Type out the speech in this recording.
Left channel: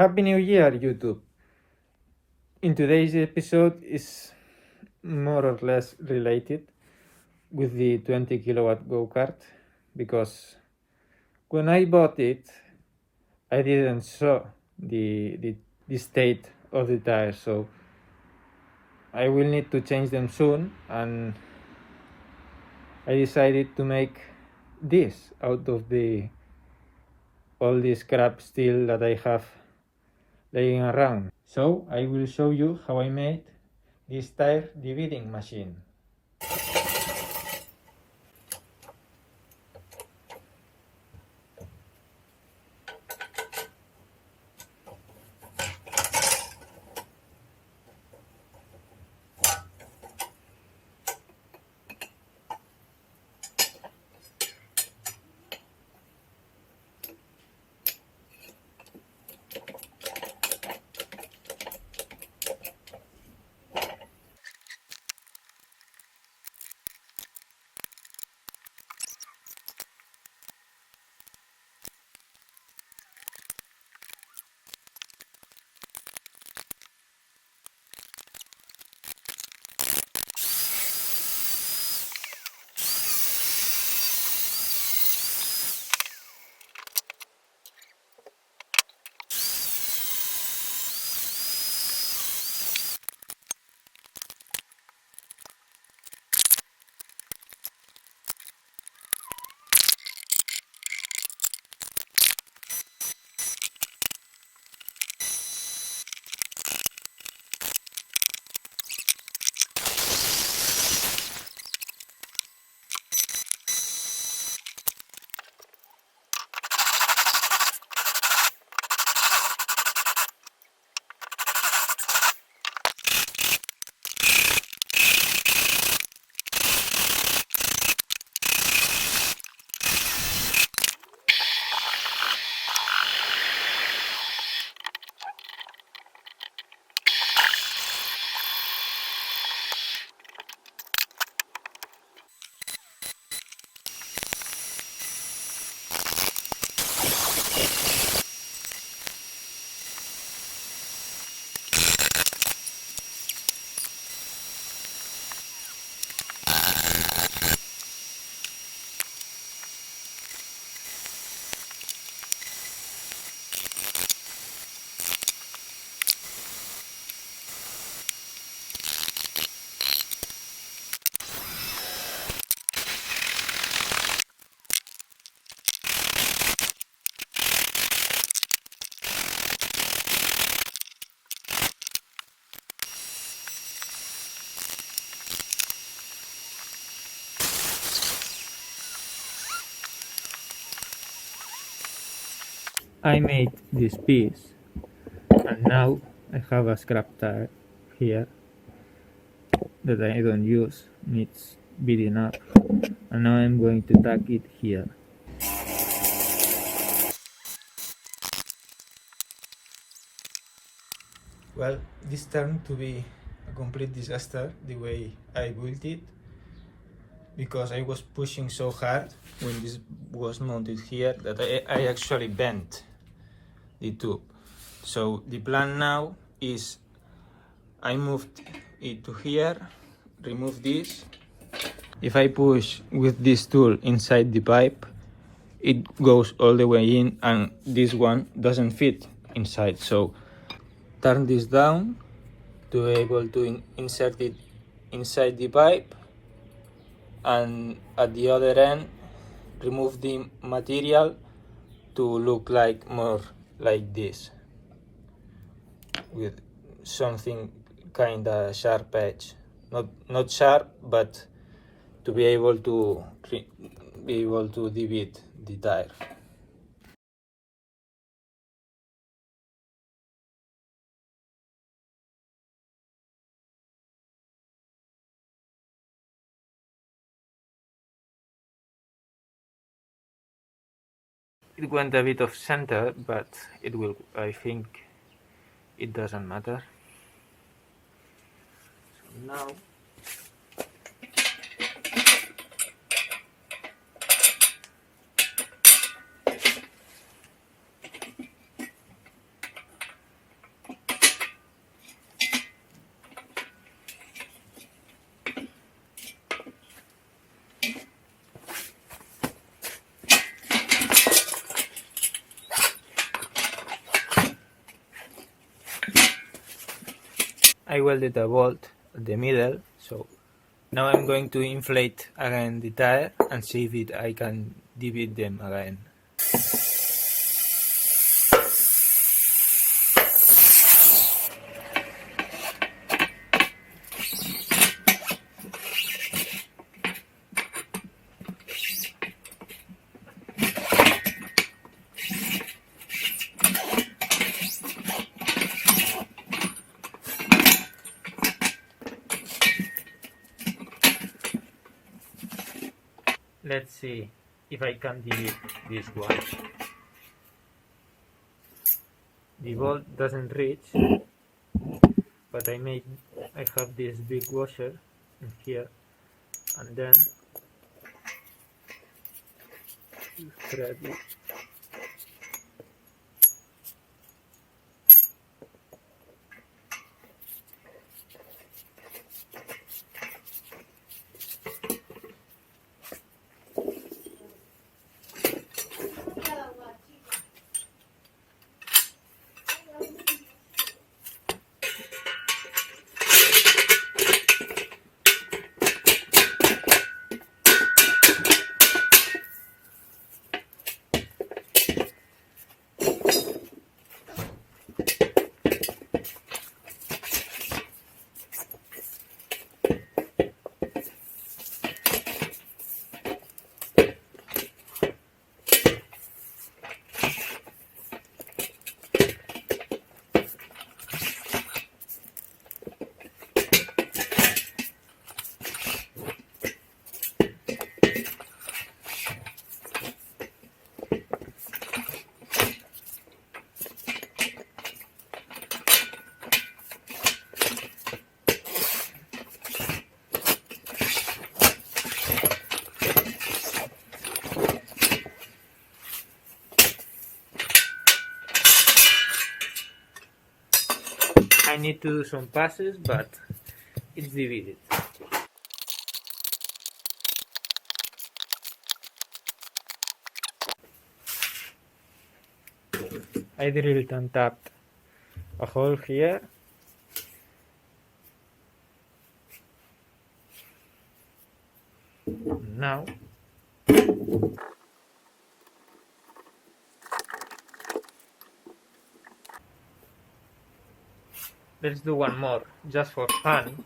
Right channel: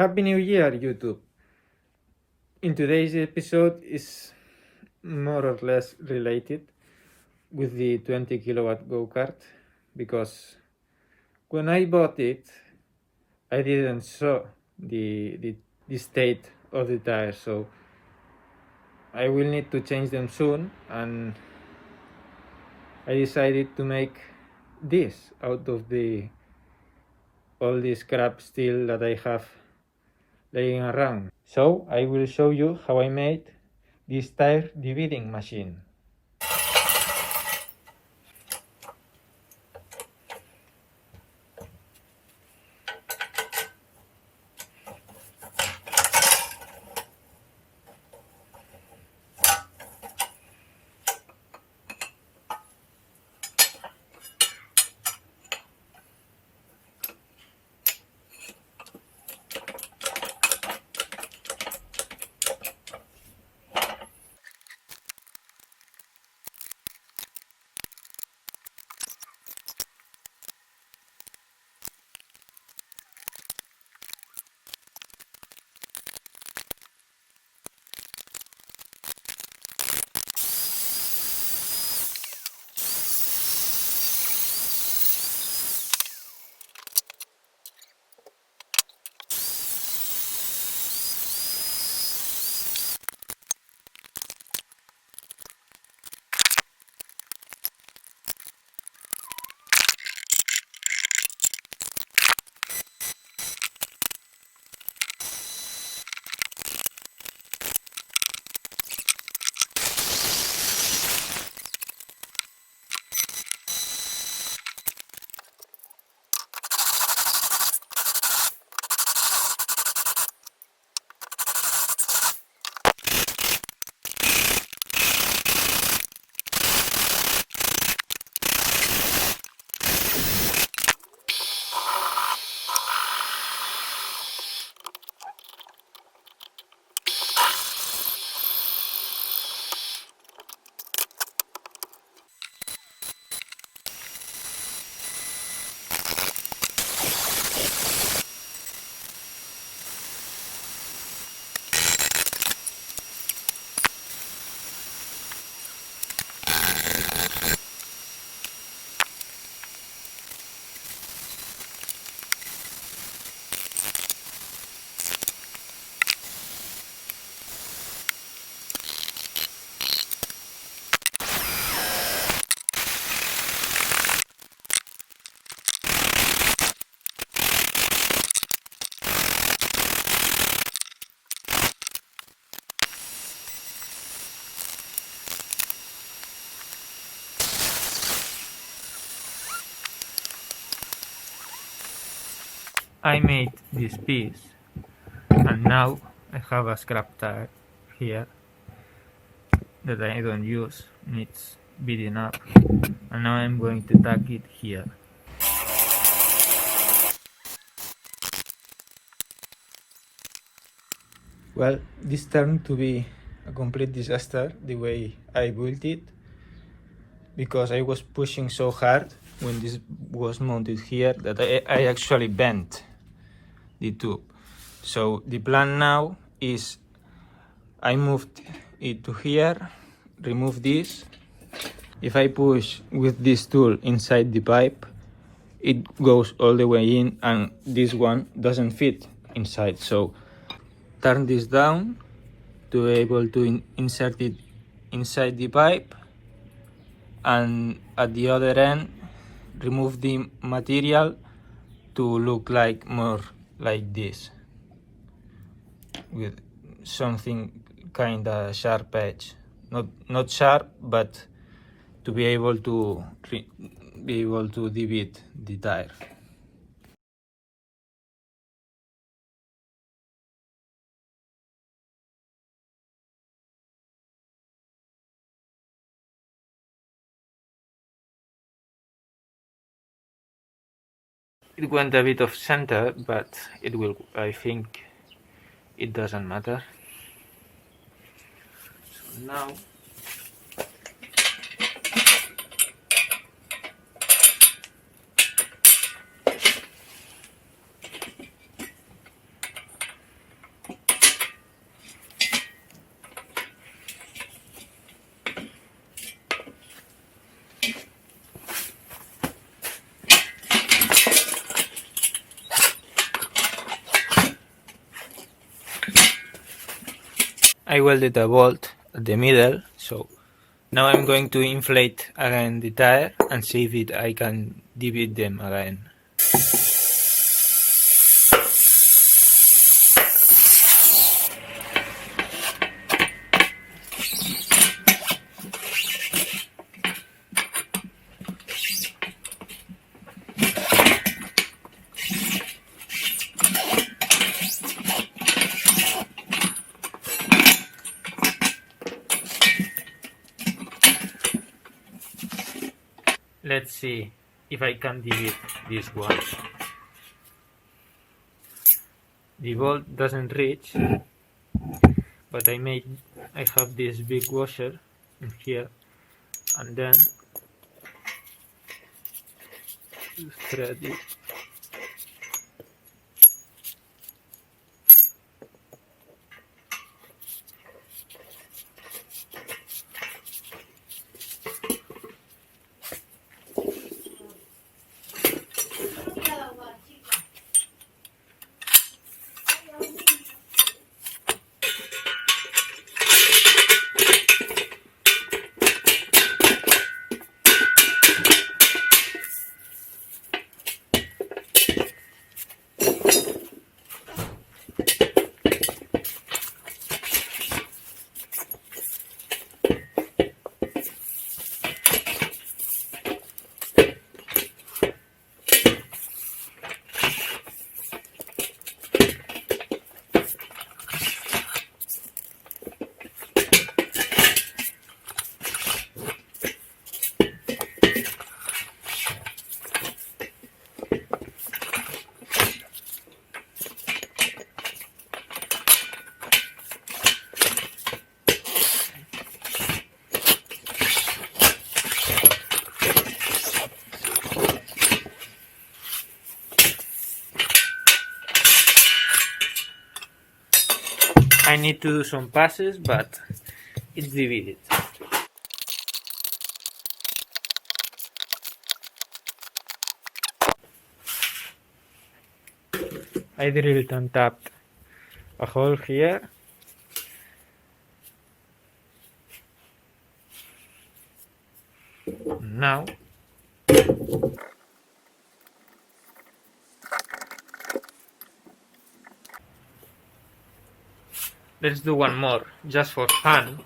Happy New Year, YouTube! In today's episode is more or less related with the 20 kilowatt Go Kart, because when I bought it, I didn't saw the state of the tires, so I will need to change them soon, and I decided to make this out of all this scrap steel that I have laying around. So I will show you how I made this tire debeading machine. I made this piece, and now I have a scrap tire here that I don't use, needs beating up, and now I'm going to tack it here. Well, this turned to be a complete disaster the way I built it, because I was pushing so hard when this was mounted here that I actually bent the tube. So the plan now is I moved it to here, remove this. If I push with this tool inside the pipe, it goes all the way in, and this one doesn't fit inside. So turn this down to be able to insert it inside the pipe, and at the other end remove the material to look like more like this, with something kind of sharp edge, not sharp, but to be able to debead the tire. It went a bit off center, but it will, I think it doesn't matter. So now I welded a bolt at the middle, so now I'm going to inflate again the tire and see if I can debead them again. Let's see if I can debead this one. The bolt doesn't reach, but I have this big washer in here, and then thread it. I need to do some passes, but it's debeaded. I drilled and tapped a hole here. Now let's do one more, just for fun.